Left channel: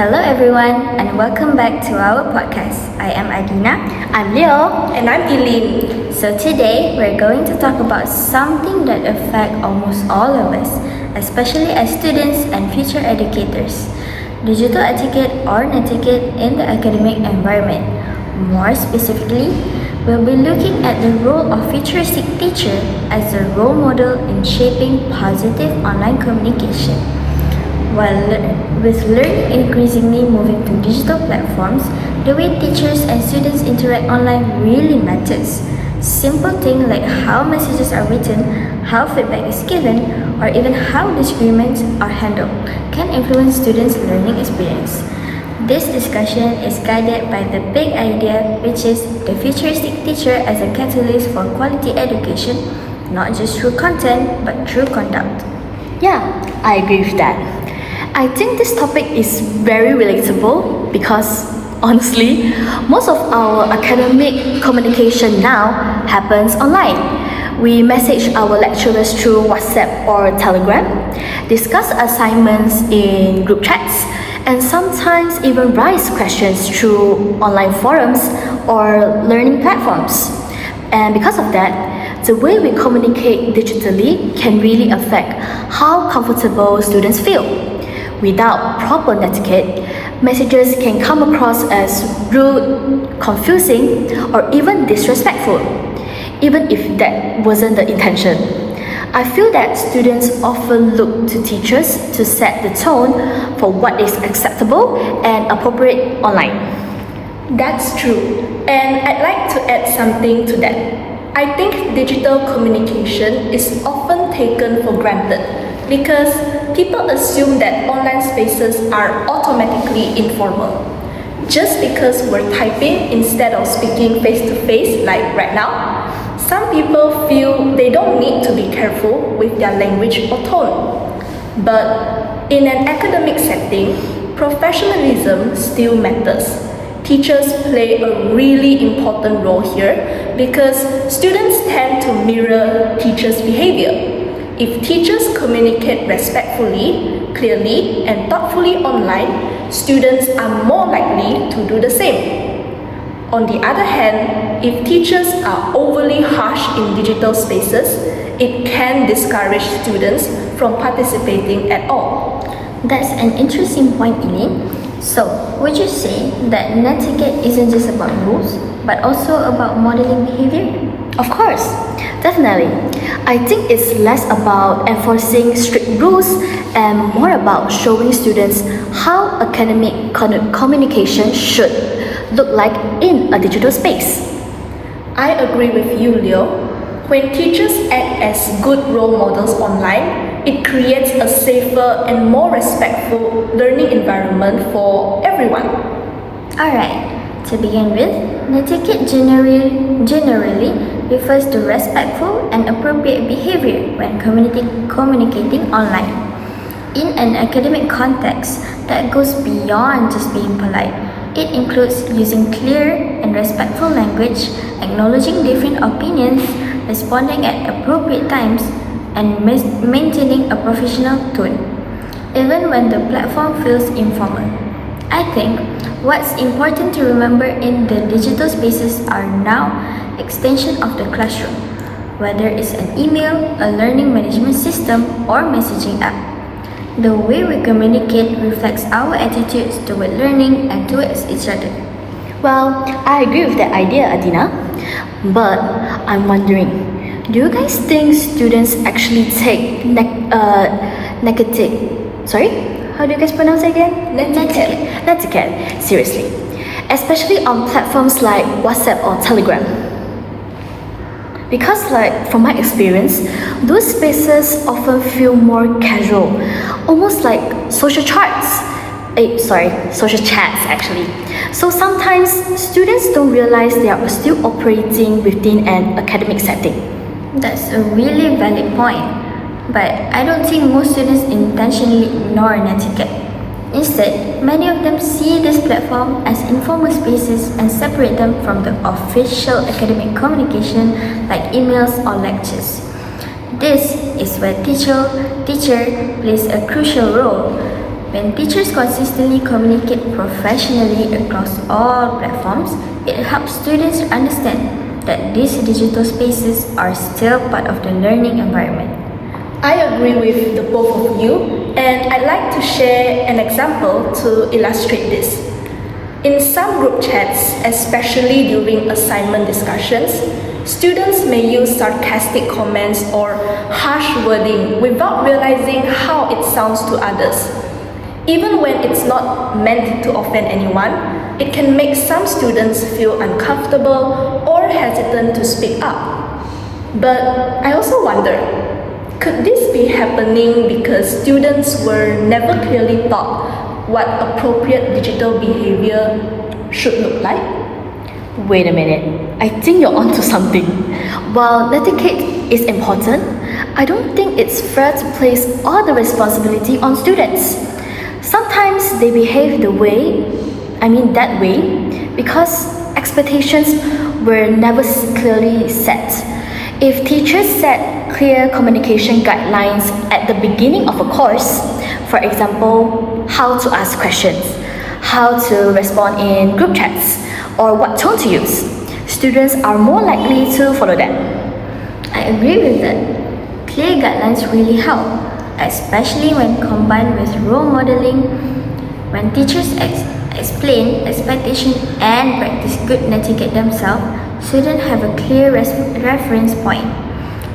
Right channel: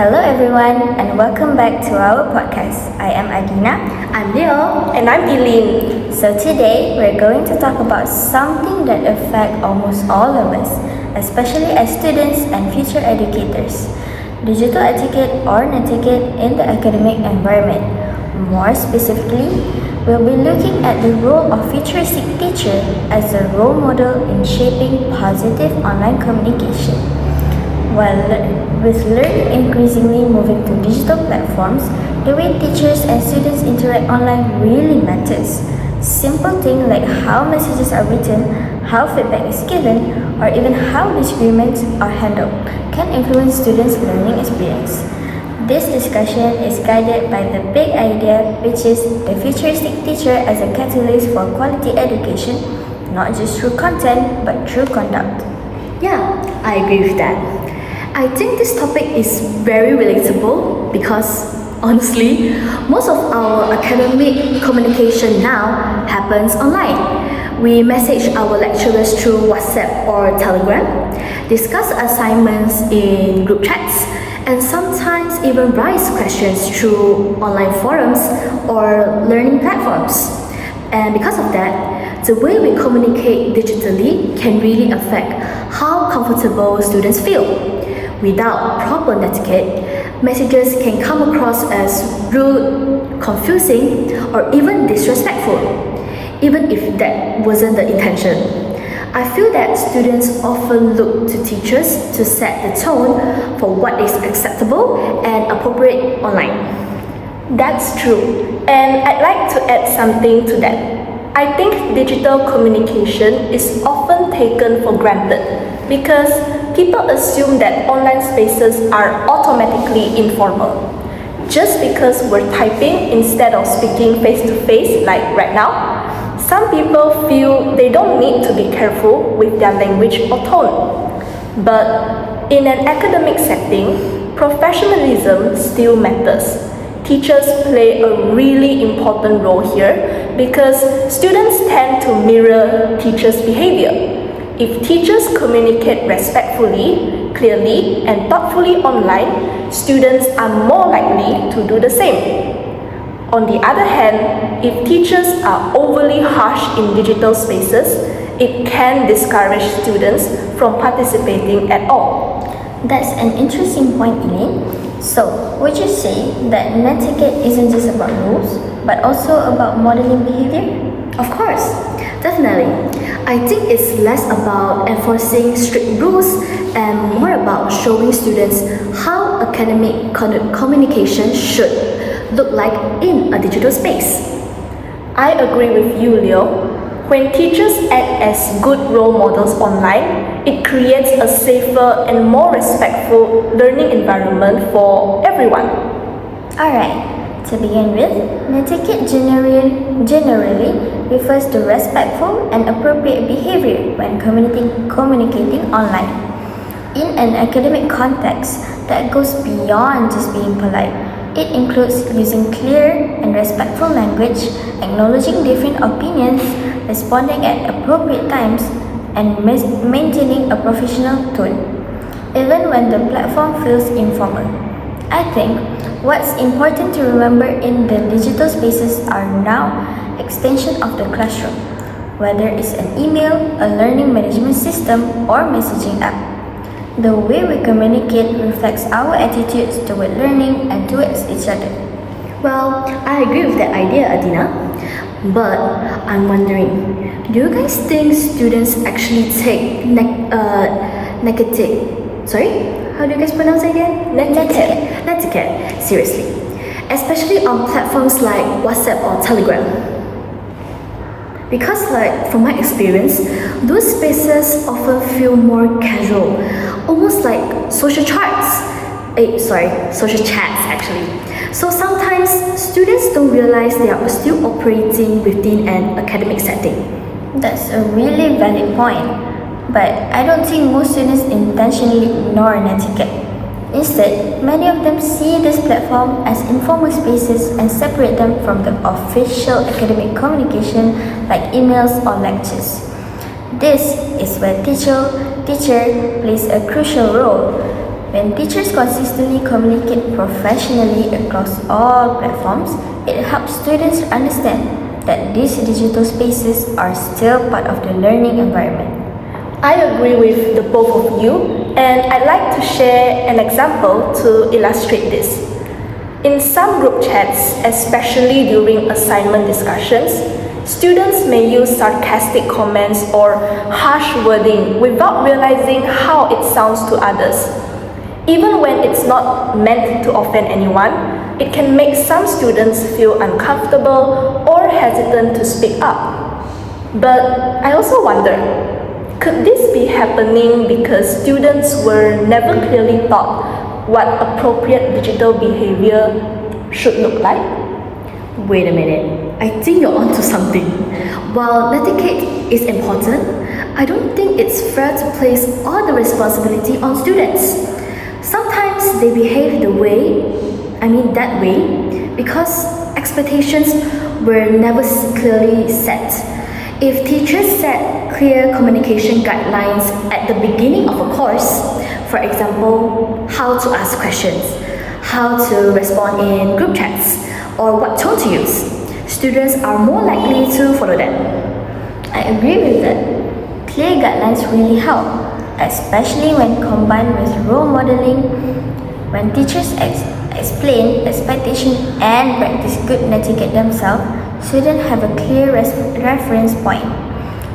Hello everyone and welcome back to our podcast. I am ADEENA. I'm Leo. And I'm Eileen. So today we're going to talk about something that affects almost all of us, especially as students and future educators. Digital etiquette or netiquette in the academic environment. More specifically, we'll be looking at the role of futuristic teacher as a role model in shaping positive online communication. With learning increasingly moving to digital platforms, the way teachers and students interact online really matters. Simple things like how messages are written, how feedback is given, or even how disagreements are handled can influence students' learning experience. This discussion is guided by the big idea, which is the futuristic teacher as a catalyst for quality education, not just through content, but through conduct. Yeah, I agree with that. I think this topic is very relatable because, honestly, most of our academic communication now happens online. We message our lecturers through WhatsApp or Telegram, discuss assignments in group chats, and sometimes even raise questions through online forums or learning platforms. And because of that, the way we communicate digitally can really affect how comfortable students feel. Without proper netiquette, messages can come across as rude, confusing, or even disrespectful, even if that wasn't the intention. I feel that students often look to teachers to set the tone for what is acceptable and appropriate online. That's true. And I'd like to add something to that. I think digital communication is often taken for granted because people assume that online spaces are automatically informal. Just because we're typing instead of speaking face to face like right now, some people feel they don't need to be careful with their language or tone. But in an academic setting, professionalism still matters. Teachers play a really important role here because students tend to mirror teachers' behavior. If teachers communicate respectfully, clearly, and thoughtfully online, students are more likely to do the same. On the other hand, if teachers are overly harsh in digital spaces, it can discourage students from participating at all. That's an interesting point, Eileen. So, would you say that netiquette isn't just about rules, but also about modeling behavior? Of course, definitely. I think it's less about enforcing strict rules and more about showing students how academic communication should look like in a digital space. I agree with you, Leo. When teachers act as good role models online, it creates a safer and more respectful learning environment for everyone. Alright, to begin with, netiquette generally refers to respectful and appropriate behavior when communicating online. In an academic context that goes beyond just being polite, it includes using clear and respectful language, acknowledging different opinions, responding at appropriate times, and maintaining a professional tone, even when the platform feels informal. I think what's important to remember in the digital spaces are now extension of the classroom, whether it's an email, a learning management system, or messaging app. The way we communicate reflects our attitudes toward learning and towards each other. Well, I agree with that idea, ADEENA. But I'm wondering, do you guys think students actually take how do you guys pronounce it again? Netiquette, seriously. Especially on platforms like WhatsApp or Telegram. Because from my experience, those spaces often feel more casual, almost like social chats actually. So sometimes students don't realize they are still operating within an academic setting. That's a really valid point. But I don't think most students intentionally ignore netiquette. Instead, many of them see this platform as informal spaces and separate them from the official academic communication like emails or lectures. This is where teacher plays a crucial role. When teachers consistently communicate professionally across all platforms, it helps students understand that these digital spaces are still part of the learning environment. I agree with the both of you, and I'd like to share an example to illustrate this. In some group chats, especially during assignment discussions, students may use sarcastic comments or harsh wording without realizing how it sounds to others. Even when it's not meant to offend anyone, it can make some students feel uncomfortable or hesitant to speak up. But I also wonder, could this be happening because students were never clearly taught what appropriate digital behavior should look like? Wait a minute, I think you're onto something. While Netiquette is important, I don't think it's fair to place all the responsibility on students. Sometimes they behave that way, because expectations were never clearly set. If teachers set clear communication guidelines at the beginning of a course, for example, how to ask questions, how to respond in group chats, or what tone to use, students are more likely to follow them. I agree with that. Clear guidelines really help, especially when combined with role modeling. When teachers explain expectations and practice good netiquette themselves, students have a clear reference point.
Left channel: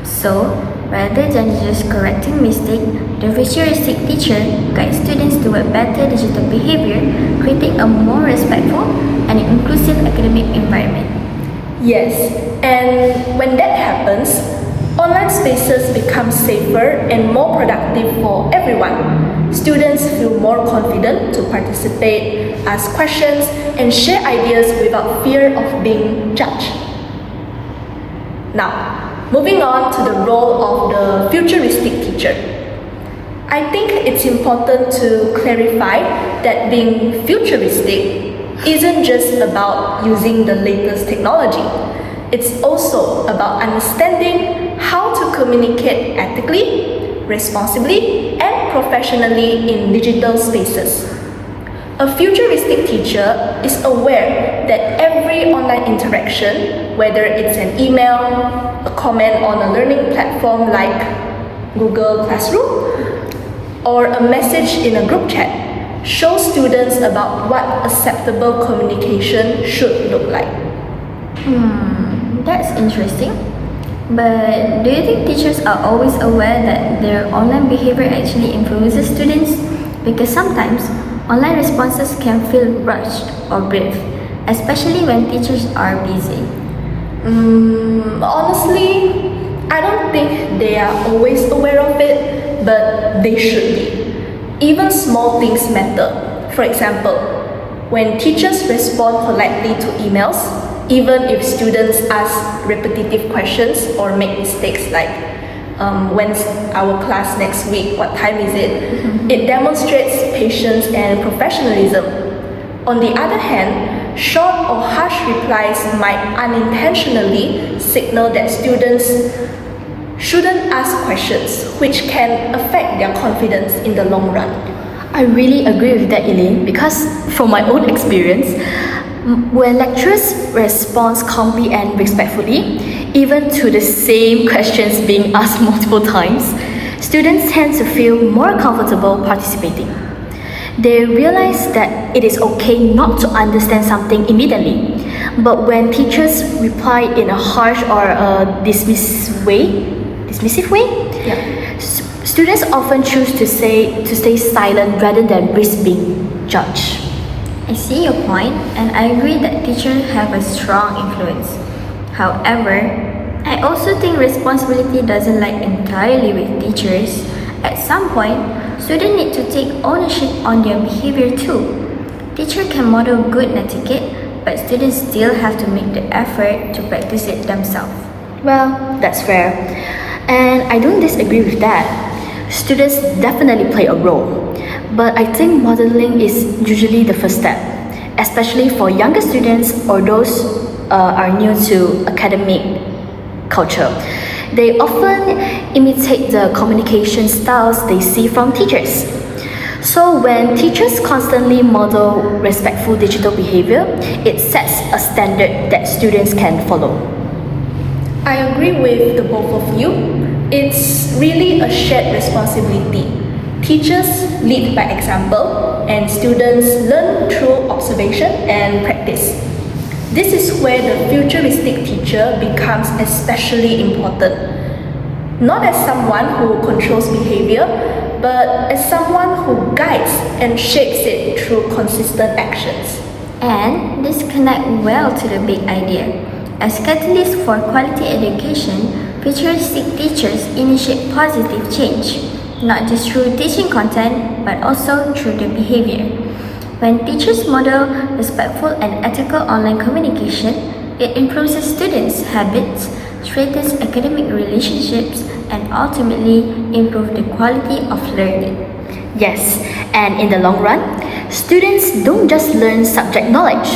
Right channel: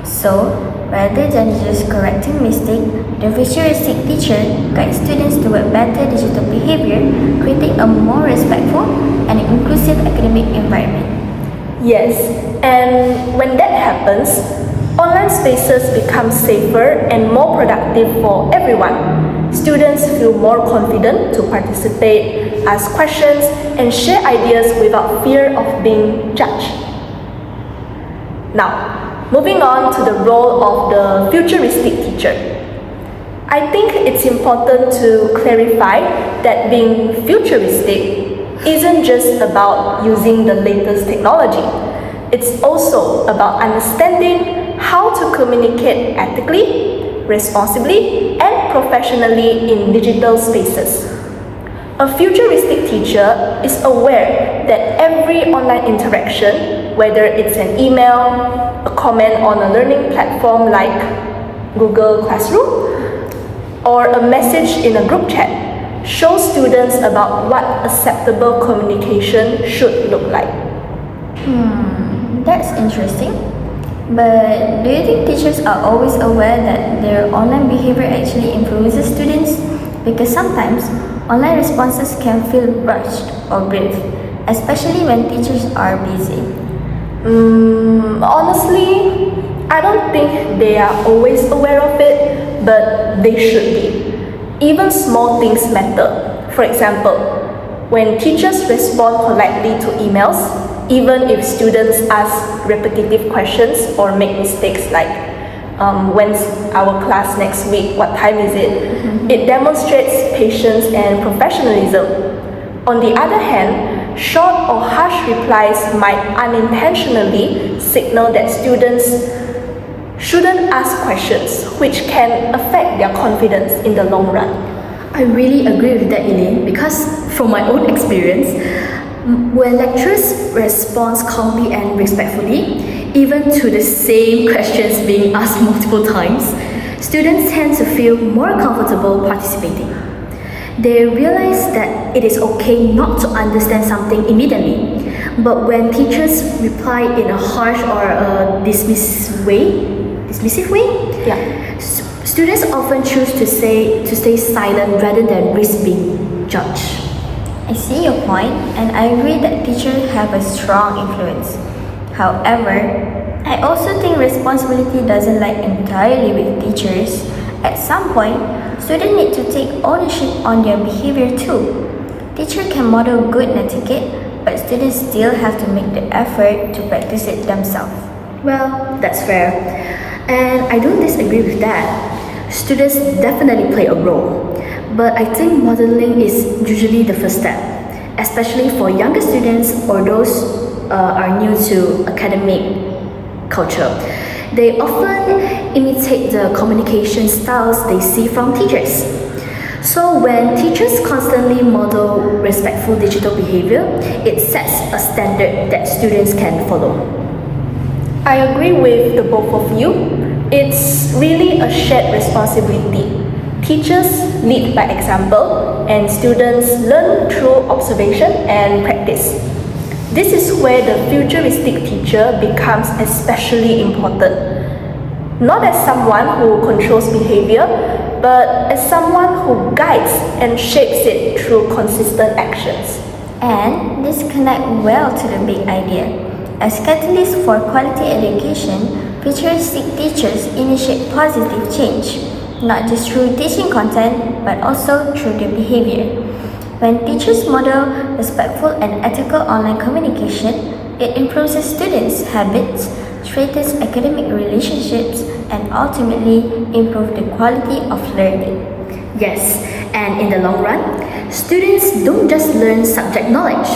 So, rather than just correcting mistakes, the futuristic teacher guides students toward better digital behavior, creating a more respectful and inclusive academic environment. Yes, and when that happens, online spaces become safer and more productive for everyone. Students feel more confident to participate, ask questions, and share ideas without fear of being judged. Now, moving on to the role of the futuristic teacher. I think it's important to clarify that being futuristic isn't just about using the latest technology. It's also about understanding how to communicate ethically, responsibly, and professionally in digital spaces. A futuristic teacher is aware that every online interaction, whether it's an email, a comment on a learning platform like Google Classroom, or a message in a group chat, shows students about what acceptable communication should look like. That's interesting. But do you think teachers are always aware that their online behavior actually influences students? Because sometimes online responses can feel rushed or brief, especially when teachers are busy. Honestly, I don't think they are always aware of it, but they should be. Even small things matter. For example, when teachers respond politely to emails, even if students ask repetitive questions or make mistakes like when's our class next week, what time is it, it demonstrates patience and professionalism. On the other hand, short or harsh replies might unintentionally signal that students shouldn't ask questions, which can affect their confidence in the long run. I really agree with that, Eileen, because from my own experience, when lecturers respond calmly and respectfully, even to the same questions being asked multiple times, students tend to feel more comfortable participating. They realize that it is okay not to understand something immediately, but when teachers reply in a harsh or a dismissive way, students often choose to stay silent rather than risk being judged. I see your point, and I agree that teachers have a strong influence. However, I also think responsibility doesn't lie entirely with teachers. At some point, students need to take ownership on their behavior too. Teachers can model good netiquette, but students still have to make the effort to practice it themselves. Well, that's fair. And I don't disagree with that. Students definitely play a role. But I think modeling is usually the first step, especially for younger students or those are new to academic culture. They often imitate the communication styles they see from teachers. So when teachers constantly model respectful digital behavior, it sets a standard that students can follow. I agree with the both of you. It's really a shared responsibility. Teachers lead by example, and students learn through observation and practice. This is where the futuristic teacher becomes especially important. Not as someone who controls behavior, but as someone who guides and shapes it through consistent actions. And this connects well to the big idea. As catalysts for quality education, futuristic teachers initiate positive change, not just through teaching content, but also through the behavior. When teachers model respectful and ethical online communication, it improves students' habits, strengthens academic relationships, and ultimately improves the quality of learning. Yes, and in the long run, students don't just learn subject knowledge,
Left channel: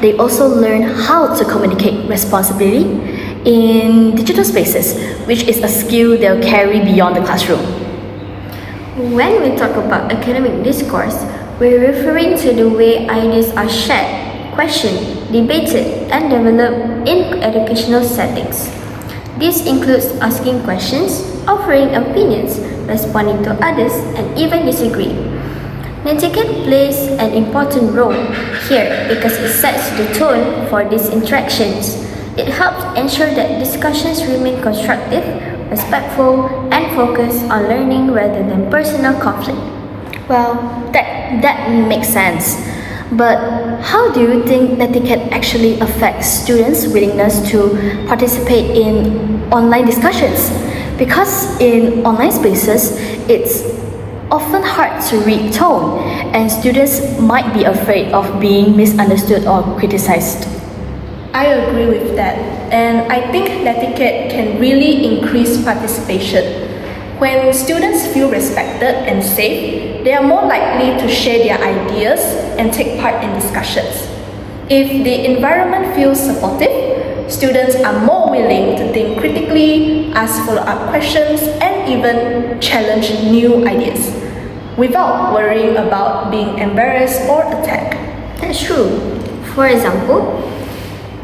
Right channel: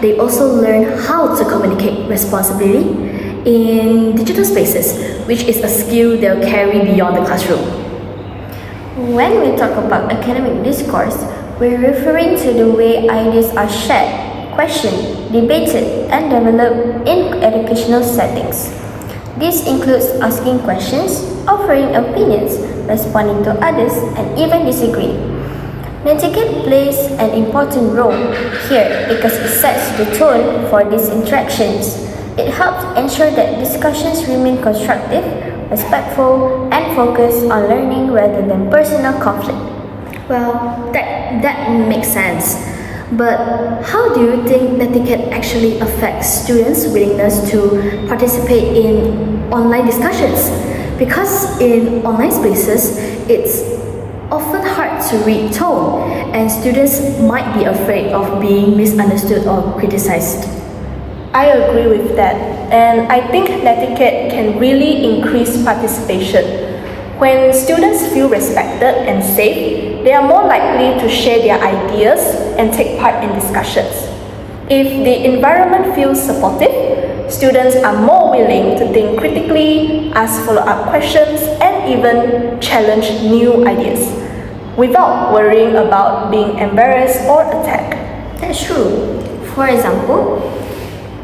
they also learn how to communicate responsibly in digital spaces, which is a skill they'll carry beyond the classroom. When we talk about academic discourse, we're referring to the way ideas are shared, questioned, debated, and developed in educational settings. This includes asking questions, offering opinions, responding to others, and even disagreeing. Netiquette plays an important role here because it sets the tone for these interactions. It helps ensure that discussions remain constructive, respectful, and focused on learning rather than personal conflict. Well, that makes sense. But how do you think netiquette actually affects students' willingness to participate in online discussions? Because in online spaces, it's often hard to read tone, and students might be afraid of being misunderstood or criticized. I agree with that, and I think netiquette can really increase participation. When students feel respected and safe, they are more likely to share their ideas and take part in discussions. If the environment feels supportive, students are more willing to think critically, ask follow-up questions, and even challenge new ideas, without worrying about being embarrassed or attacked. That's true. For example,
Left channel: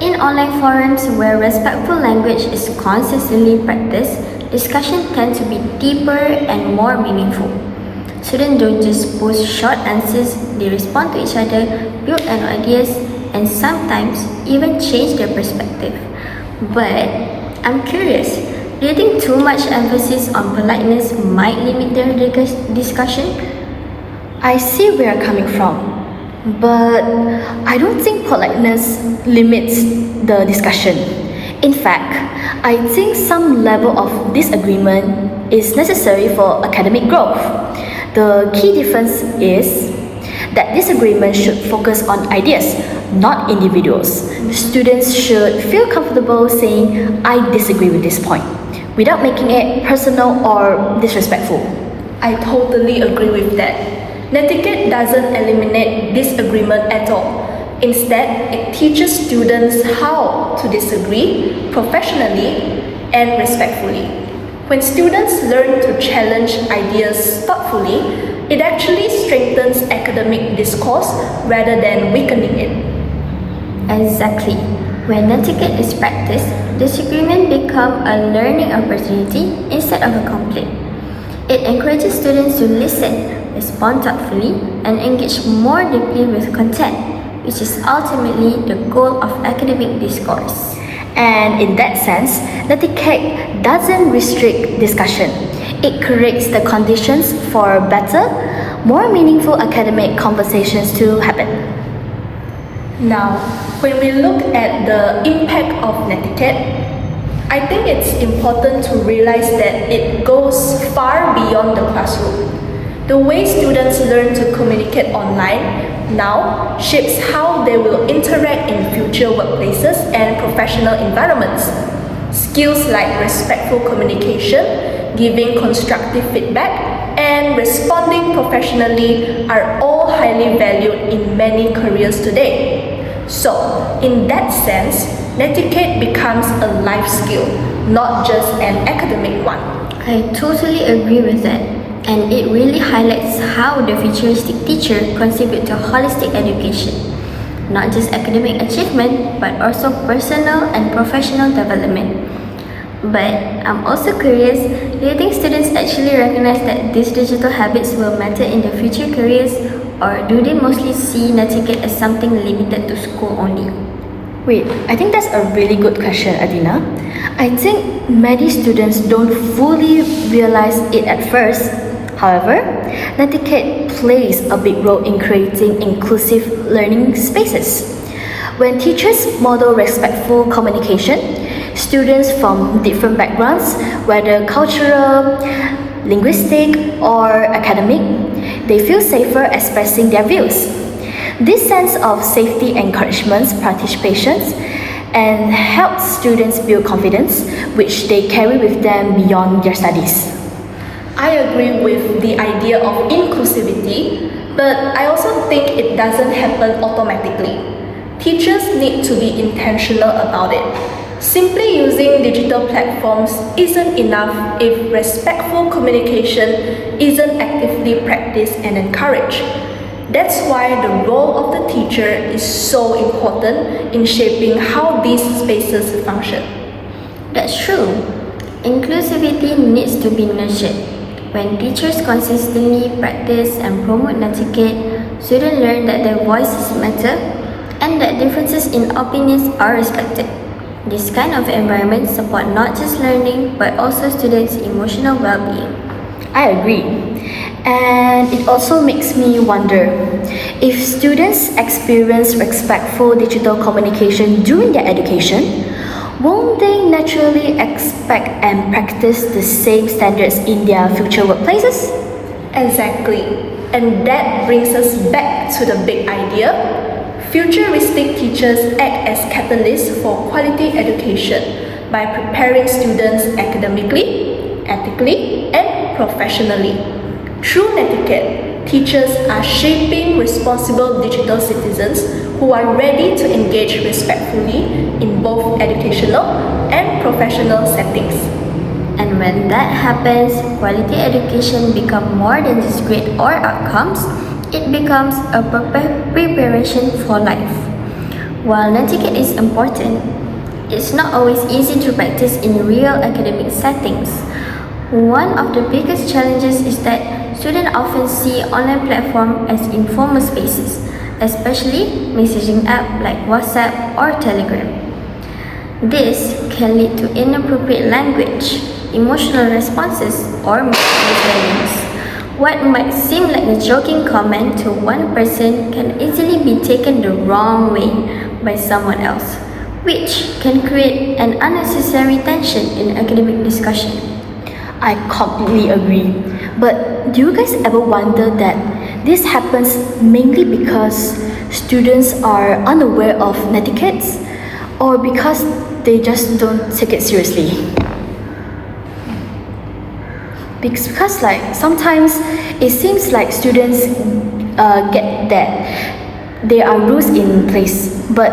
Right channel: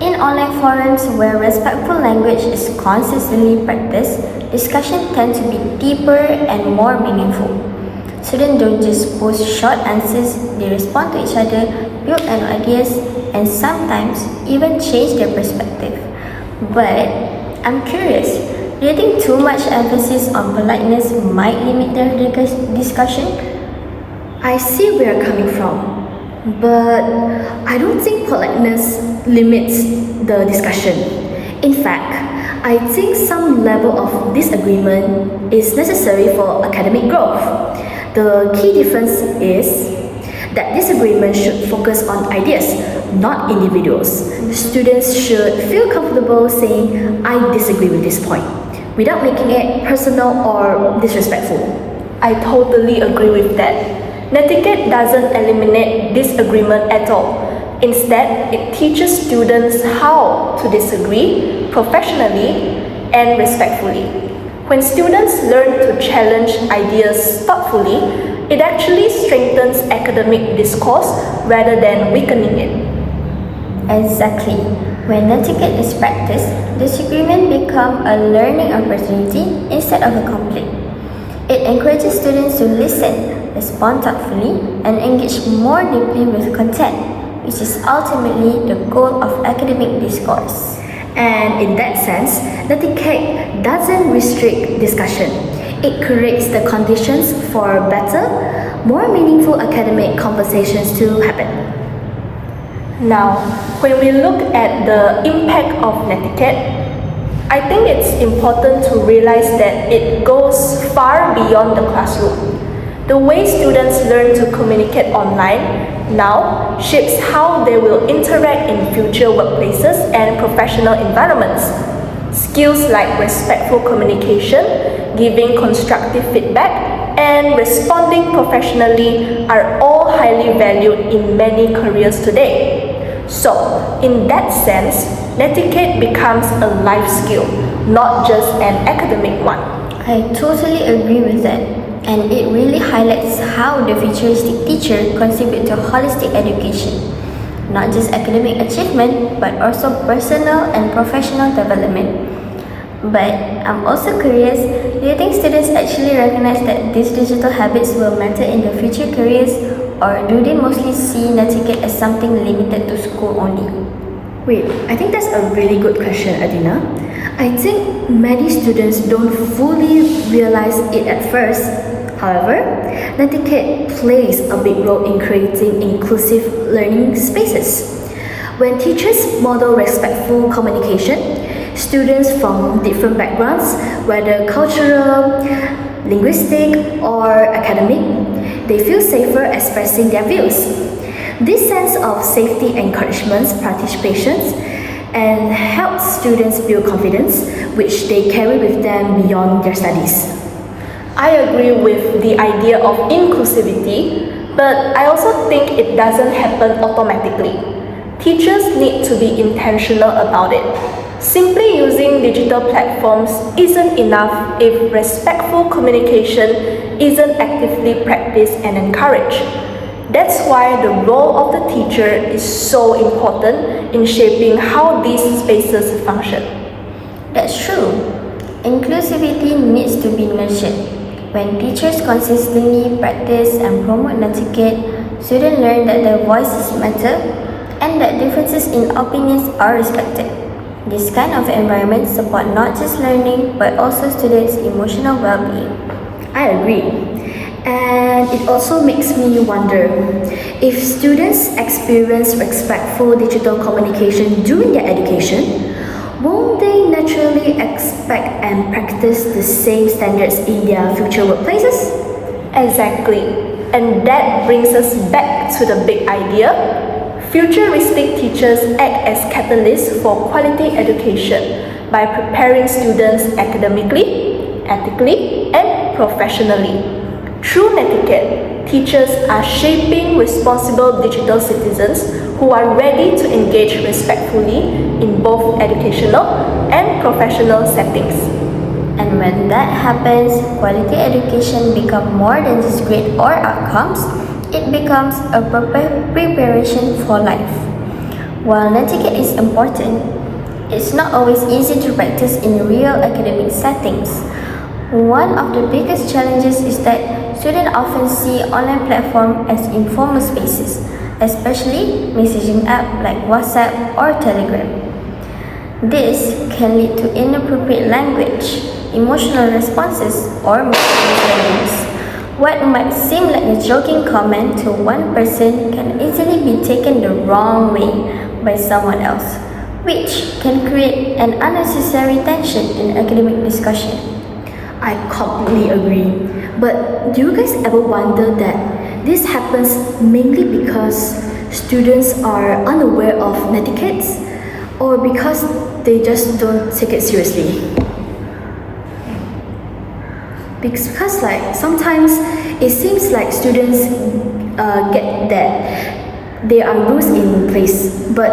in online forums where respectful language is consistently practiced, discussions tend to be deeper and more meaningful. Students don't just post short answers, they respond to each other, build on ideas, and sometimes even change their perspective. But I'm curious, do you think too much emphasis on politeness might limit their discussion? I see where you're coming from, but I don't think politeness limits the discussion. In fact, I think some level of disagreement is necessary for academic growth. The key difference is that disagreement should focus on ideas, not individuals. Students should feel comfortable saying, I disagree with this point, without making it personal or disrespectful. I totally agree with that. Netiquette doesn't eliminate disagreement at all. Instead, it teaches students how to disagree professionally and respectfully. When students learn to challenge ideas thoughtfully, it actually strengthens academic discourse rather than weakening it. Exactly. When netiquette is practiced, disagreement becomes a learning opportunity instead of a conflict. It encourages students to listen, respond thoughtfully, and engage more deeply with content, which is ultimately the goal of academic discourse. And in that sense, netiquette doesn't restrict discussion. It creates the conditions for better, more meaningful academic conversations to happen. Now, when we look at the impact of netiquette, I think it's important to realize that it goes far beyond the classroom. The way students learn to communicate online now shapes how they will interact in future workplaces and professional environments. Skills like respectful communication, giving constructive feedback, and responding professionally are all highly valued in many careers today. So, in that sense, netiquette becomes a life skill, not just an academic one. I totally agree with that. and it really highlights how the futuristic teacher contributes to holistic education, not just academic achievement but also personal and professional development. But I'm also curious, do you think students actually recognize that these digital habits will matter in their future careers, or do they mostly see Netiquette as something limited to school only? Wait, I think that's a really good question, Adeena. I think many students don't fully realize it at first. However, Netiquette plays a big role in creating inclusive learning spaces. When teachers model respectful communication, students from different backgrounds, whether cultural, linguistic, or academic, they feel safer expressing their views. This sense of safety encourages participation and helps students build confidence, which they carry with them beyond their studies. I agree with the idea of inclusivity, but I also think it doesn't happen automatically. Teachers need to be intentional about it. Simply using digital platforms isn't enough if respectful communication isn't actively practiced and encouraged. That's why the role of the teacher is so important in shaping how these spaces function. That's true. Inclusivity needs to be nurtured. When teachers consistently practice and promote Netiquette, students learn that their voices matter and that differences in opinions are respected. This kind of environment supports not just learning but also students' emotional well-being. I agree. And it also makes me wonder, if students experience respectful digital communication during their education, won't they naturally expect and practice the same standards in their future workplaces? Exactly. And that brings us back to the big idea. Futuristic teachers act as catalysts for quality education by preparing students academically, ethically, and professionally. Through Netiquette, teachers are shaping responsible digital citizens who are ready to engage respectfully in both educational and professional settings. And when that happens, quality education becomes more than just grade or outcomes, it becomes a preparation for life. While Netiquette is important, it's not always easy to practice in real academic settings. One of the biggest challenges is that students often see online platforms as informal spaces, especially messaging apps like WhatsApp or Telegram. This can lead to inappropriate language, emotional responses, or misunderstandings. What might seem like a joking comment to one person can easily be taken the wrong way by someone else, which can create an unnecessary tension in academic discussion. I completely agree. But do you guys ever wonder that this happens mainly because students are unaware of Netiquette, or because they just don't take it seriously? Because sometimes it seems like students get that there are rules in place, but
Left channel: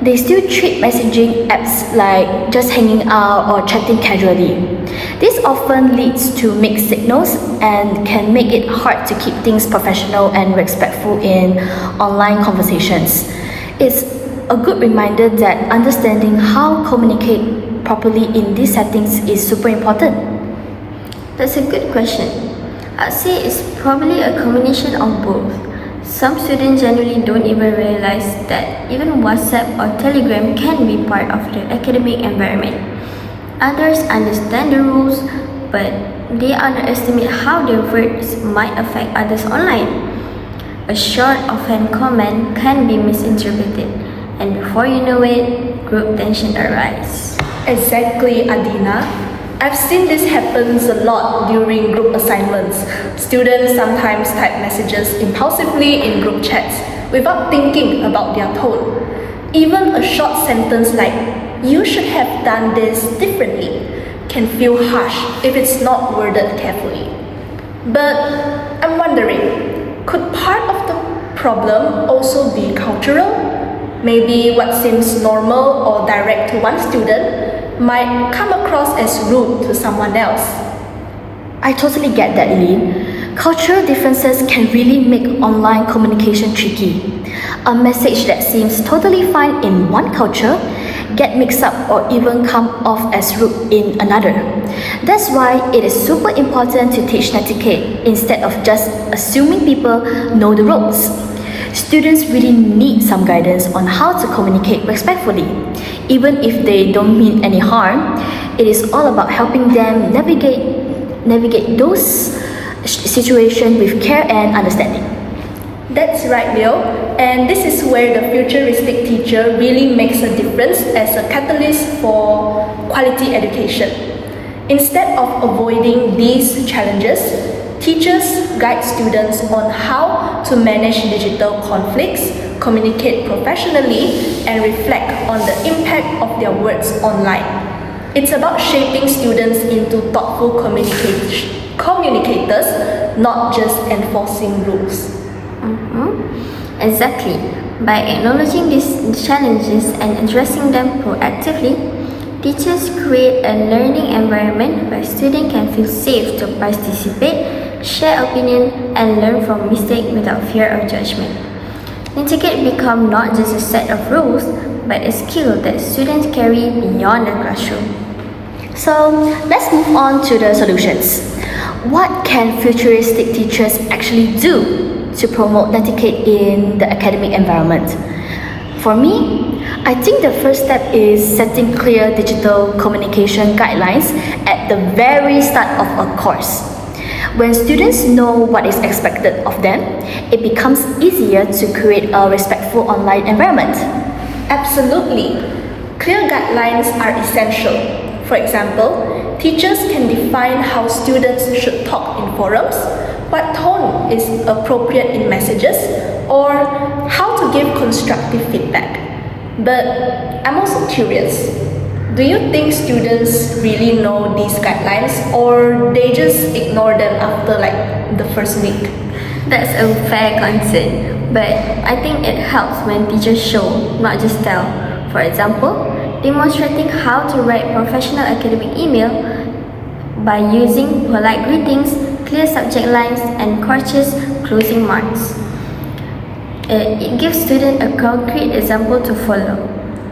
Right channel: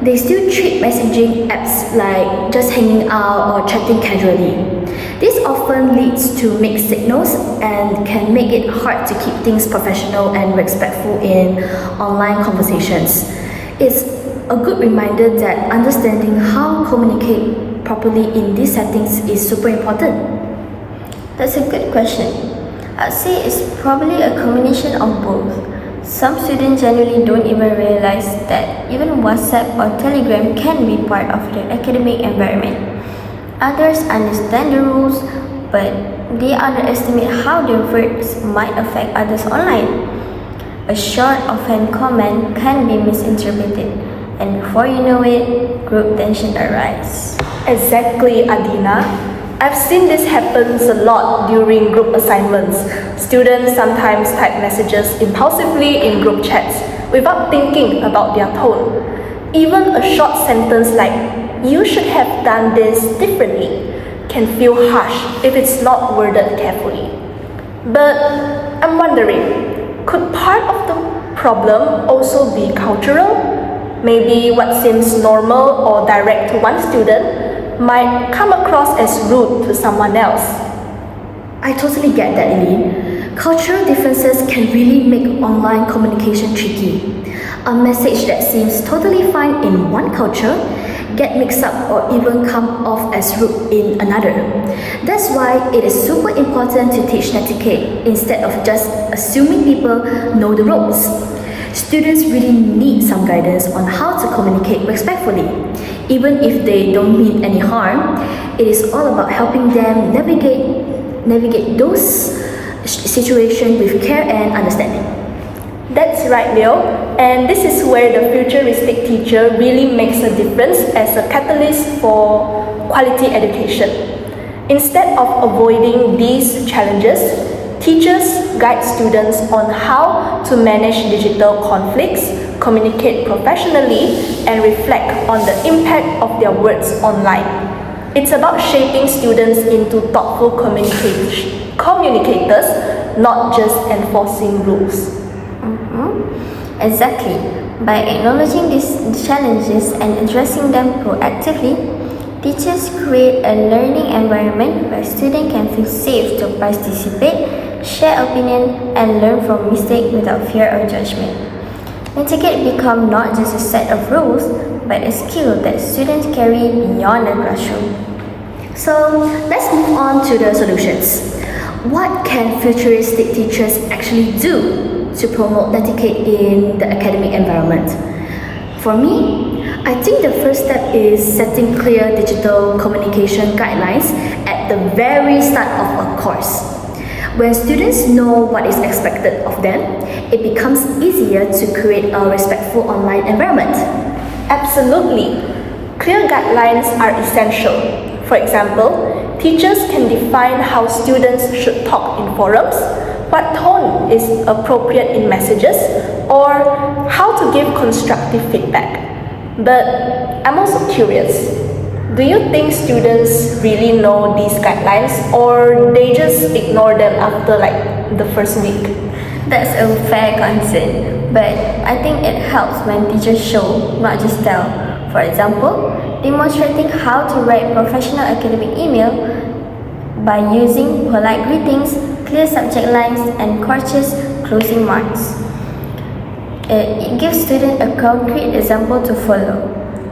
they still treat messaging apps like just hanging out or chatting casually. This often leads to mixed signals and can make it hard to keep things professional and respectful in online conversations. It's a good reminder that understanding how to communicate properly in these settings is super important. That's a good question. I'd say it's probably a combination of both. Some students generally don't even realize that even WhatsApp or Telegram can be part of their academic environment. Others understand the rules, but they underestimate how their words might affect others online. A short offhand comment can be misinterpreted, and before you know it, group tension arises. Exactly, Adeena. I've seen this happens a lot during group assignments. Students sometimes type messages impulsively in group chats without thinking about their tone. Even a short sentence like, "You should have done this differently," can feel harsh if it's not worded carefully. But I'm wondering, could part of the problem also be cultural? Maybe what seems normal or direct to one student might come across as rude to someone else. I totally get that, Eileen. Cultural differences can really make online communication tricky. A message that seems totally fine in one culture get mixed up or even come off as rude in another. That's why it is super important to teach Netiquette instead of just assuming people know the ropes. Students really need some guidance on how to communicate respectfully. Even if they don't mean any harm, it is all about helping them navigate those situations with care and understanding. That's right, Leo. And this is where the futuristic teacher really makes a difference as a catalyst for quality education. Instead of avoiding these challenges, teachers guide students on how to manage digital conflicts, communicate professionally, and reflect on the impact of their words online. It's about shaping students into thoughtful communicators, not just enforcing rules. Exactly. By acknowledging these challenges and addressing them proactively, teachers create a learning environment where students can feel safe to participate, share opinions, and learn from mistakes without fear of judgment. Netiquette becomes not just a set of rules, but a skill that students carry beyond the classroom. So let's move on to the solutions. What can futuristic teachers actually do to promote Netiquette in the academic environment? For me, I think the first step is setting clear digital communication guidelines at the very start of a course. When students know what is expected of them, it becomes easier to create a respectful online environment. Absolutely. Clear guidelines are essential. For example, teachers can define how students should talk in forums, what tone is appropriate in messages, or how to give constructive feedback. But I'm also curious, do you think students really know these guidelines or they just ignore them after the first week? That's a fair concern, but I think it helps when teachers show, not just tell. For example, demonstrating how to write professional academic email by using polite greetings, clear subject lines, and courteous closing marks. It gives students a concrete example to follow.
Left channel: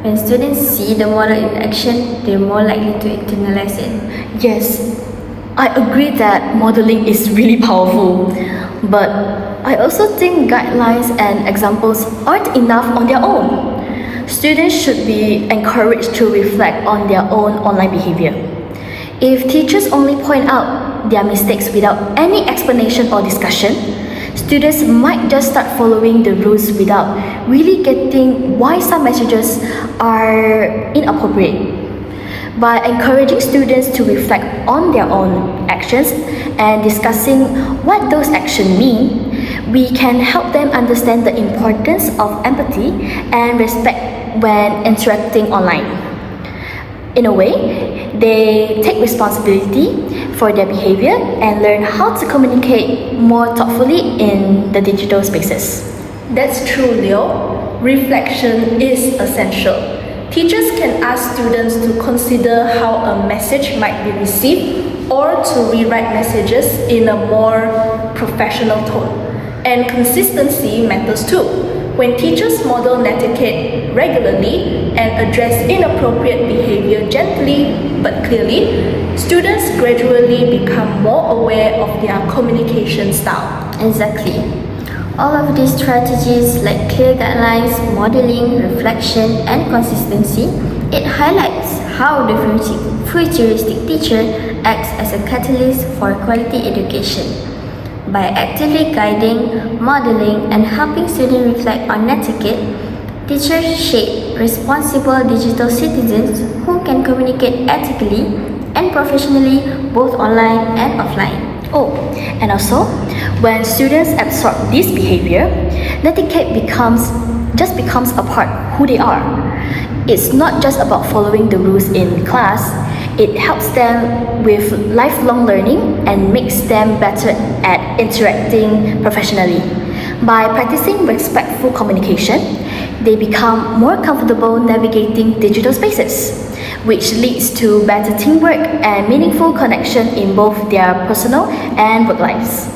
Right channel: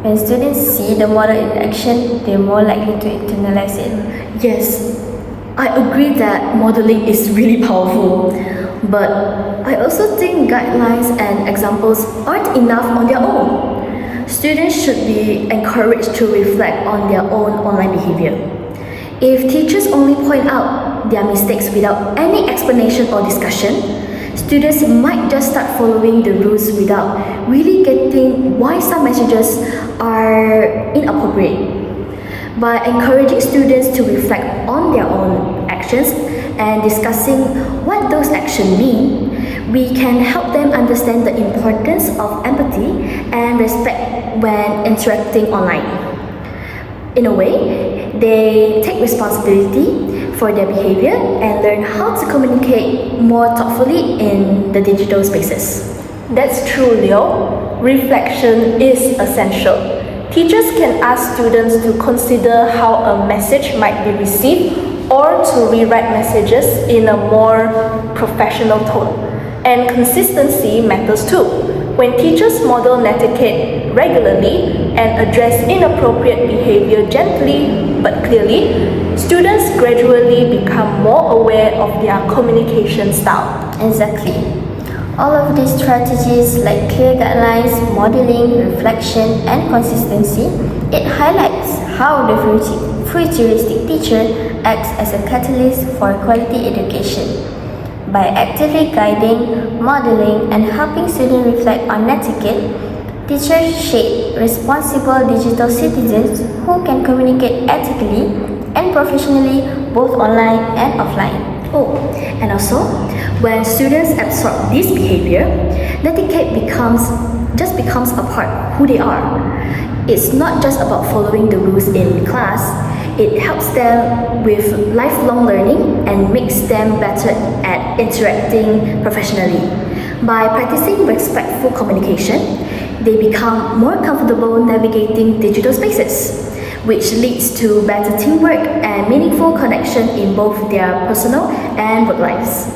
When students see the model in action, they're more likely to internalize it. Yes, I agree that modeling is really powerful, but I also think guidelines and examples aren't enough on their own. Students should be encouraged to reflect on their own online behavior. If teachers only point out their mistakes without any explanation or discussion, students might just start following the rules without really getting why some messages are inappropriate. By encouraging students to reflect on their own actions and discussing what those actions mean, we can help them understand the importance of empathy and respect when interacting online. In a way, they take responsibility for their behavior and learn how to communicate more thoughtfully in the digital spaces. That's true, Leo. Reflection is essential. Teachers can ask students to consider how a message might be received or to rewrite messages in a more professional tone. And consistency matters too. When teachers model Netiquette regularly and address inappropriate behavior gently but clearly, students gradually become more aware of their communication style. Exactly. All of these strategies like clear guidelines, modeling, reflection, and consistency, it highlights how the futuristic teacher acts as a catalyst for quality education. By actively guiding, modeling, and helping students reflect on Netiquette, teachers shape responsible digital citizens who can communicate ethically and professionally both online and offline. Oh, and also, when students absorb this behavior, Netiquette becomes a part of who they are. It's not just about following the rules in class, it helps them with lifelong learning and makes them better at interacting professionally. By practicing respectful communication, they become more comfortable navigating digital spaces. which leads to better teamwork and meaningful connection in both their personal and work lives.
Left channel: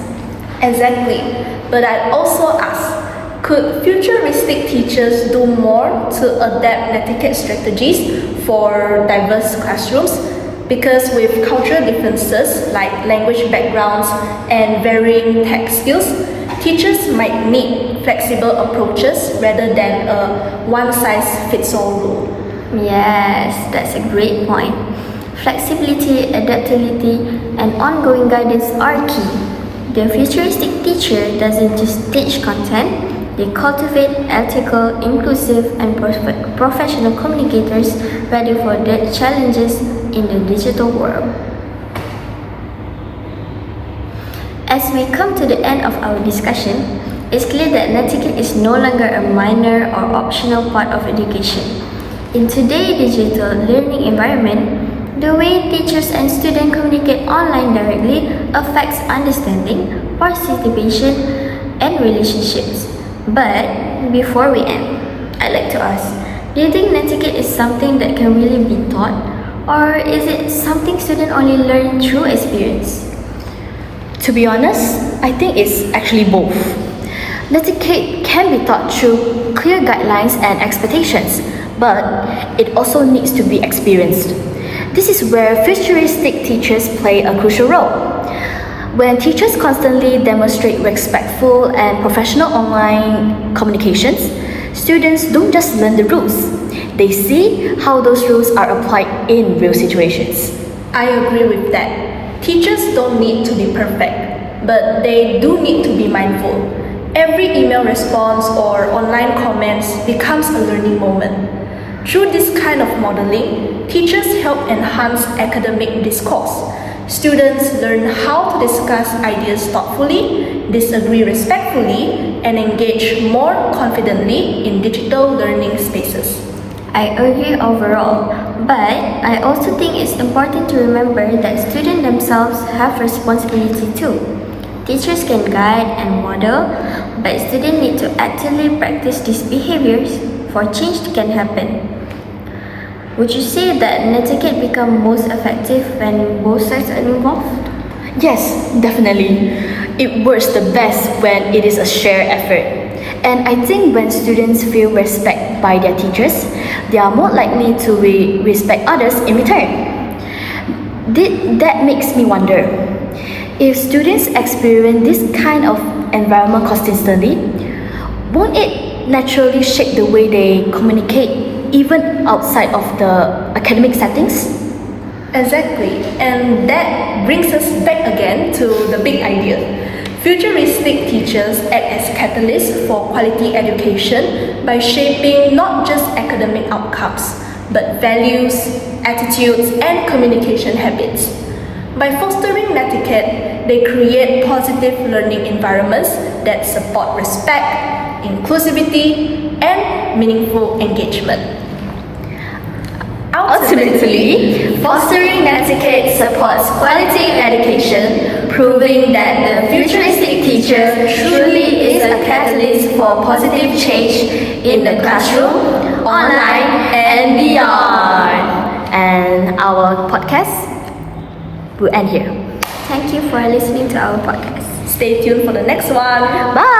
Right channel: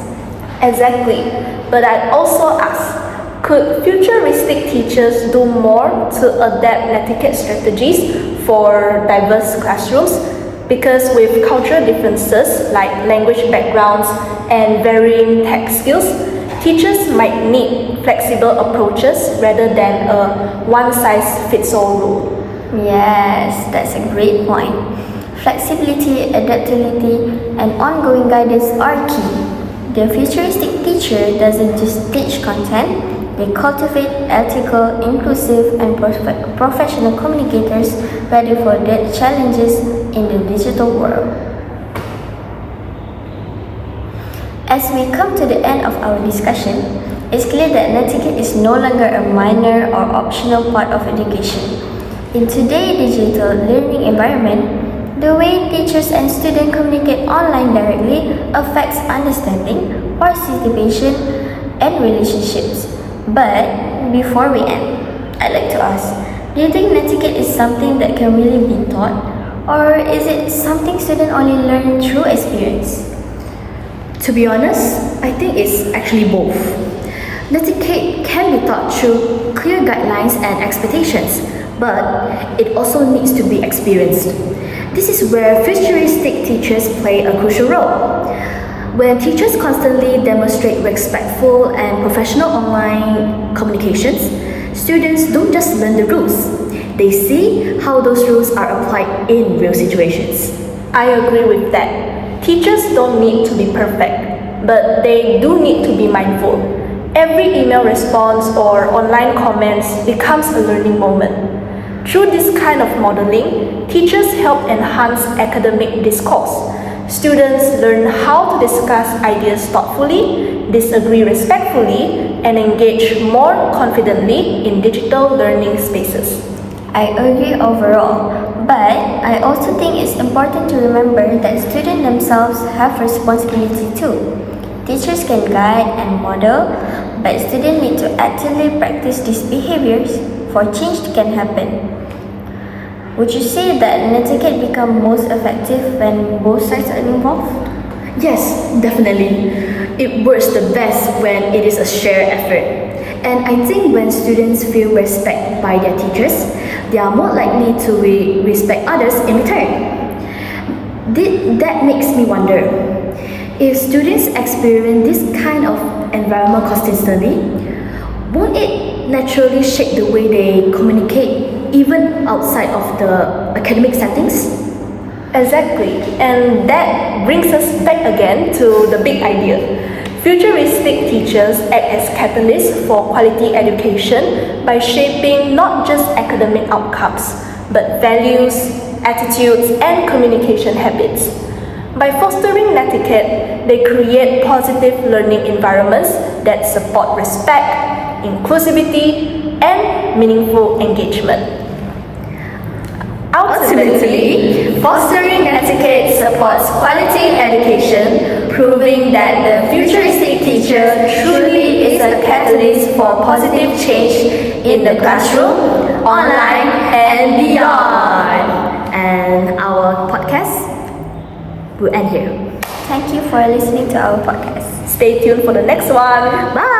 Exactly. But I'd also ask, could futuristic teachers do more to adapt Netiquette strategies for diverse classrooms? Because with cultural differences like language backgrounds and varying tech skills, teachers might need flexible approaches rather than a one-size-fits-all rule. Yes, that's a great point. Flexibility, adaptability, and ongoing guidance are key. The futuristic teacher doesn't just teach content, they cultivate ethical, inclusive, and professional communicators ready for the challenges in the digital world. As we come to the end of our discussion, it's clear that Netiquette is no longer a minor or optional part of education. In today's digital learning environment, the way teachers and students communicate online directly affects understanding, participation, and relationships. But before we end, I'd like to ask, do you think Netiquette is something that can really be taught, or is it something students only learn through experience? To be honest, I think it's actually both. Netiquette can be taught through clear guidelines and expectations, but it also needs to be experienced. This is where futuristic teachers play a crucial role. When teachers constantly demonstrate respectful and professional online communications, students don't just learn the rules, they see how those rules are applied in real situations. I agree with that. Teachers don't need to be perfect, but they do need to be mindful. Every email response or online comments becomes a learning moment. Through this kind of modeling, teachers help enhance academic discourse. Students learn how to discuss ideas thoughtfully, disagree respectfully, and engage more confidently in digital learning spaces. I agree overall, but I also think it's important to remember that students themselves have responsibility too. Teachers can guide and model, but students need to actively practice these behaviors for change can happen. Would you say that Netiquette become most effective when both sides are involved? Yes, definitely. It works the best when it is a shared effort. And I think when students feel respect by their teachers, they are more likely to respect others in return. That makes me wonder, if students experience this kind of environment constantly, won't it naturally shape the way they communicate even outside of the academic settings? Exactly, and that brings us back again to the big idea. Futuristic teachers act as catalysts for quality education by shaping not just academic outcomes, but values, attitudes, and communication habits. By fostering Netiquette, they create positive learning environments that support respect, inclusivity, and meaningful engagement. Ultimately, fostering Netiquette supports quality education, proving that the futuristic teacher truly is a catalyst for positive change in the classroom, online, and beyond. And our podcast will end here. Thank you for listening to our podcast. Stay tuned for the next one. Bye!